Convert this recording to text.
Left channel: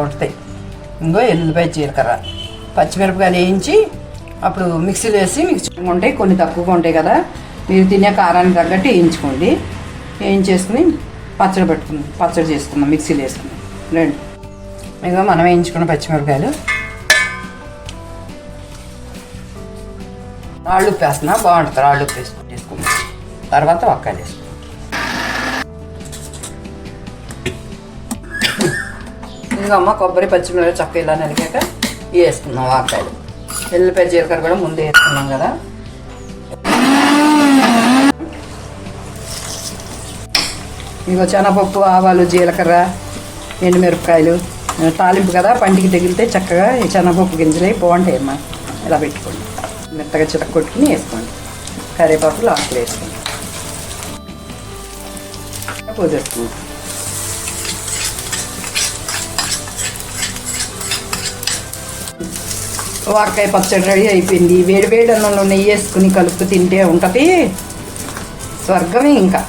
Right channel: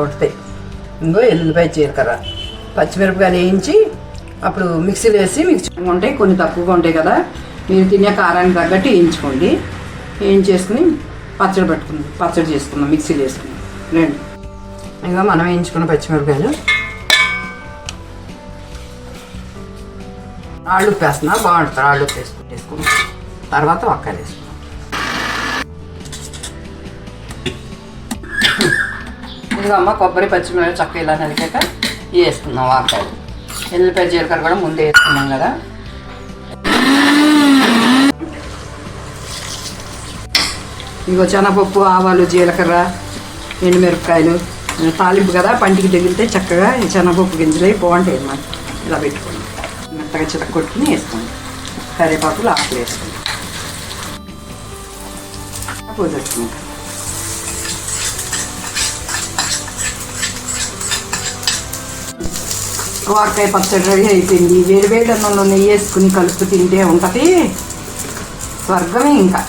సూపర్గా ఇంకో ఎల్లిపాయ జీలకర్ర పచ్చిమిరపకాయలు వేయించి అప్పుడు మిక్సీలో వేసి మిక్సీ ఉంటాయి కొన్ని తక్కువగా ఉంటాయి కదా. మీరు తినే కారానికి తగ్గట్టు వేయించుకోండి. వేయించేసుకుని పచ్చడి పెట్టుకుందాం పచ్చడి చేసుకుందాం మిక్సీలో వేసుకుందాం. రండి. ఇంకా మనం వేయించుకున్న పచ్చిమిరపకాయలు. రాళ్ళు ఉప్పు బాగుంటుంది. రాళ్ళు ఉప్పు వేసుకుందాం తర్వాత వక్కాయలు వేసుకుంటాం ఇదిగో కొబ్బరి పచ్చిమిరపకాయలు చక్క ఇలా నలికాక ఇవి వేసుకుందాం ఆకాయలు ఎల్లిపాయ జీలకర్ర కూడా ముందే వేసుకున్నాం కదా. ఇదిగో శనగపప్పు ఆవాలు జీలకర్ర ఎండుమిరపకాయలు తాలింపు కదా పంటికి తగిలితే చక్కగా ఈ శనగపప్పు గింజలు బాగుంటాయి అమ్మా. ఇలా పెట్టుకోండి. మెత్తగా చిరక కొట్టుకుని వేసుకోండి. కరివేపాకు లాస్ట్లో వేసుకోండి. పోసేసుకుంటాం వాకాయ పచ్చడి రెడీ అయిపోయింది. వేడి వేడి అన్నంలో నెయ్యి వేసుకుని కలుపు తింటే ఉంటుంది. స్వర్గమే ఇంకా.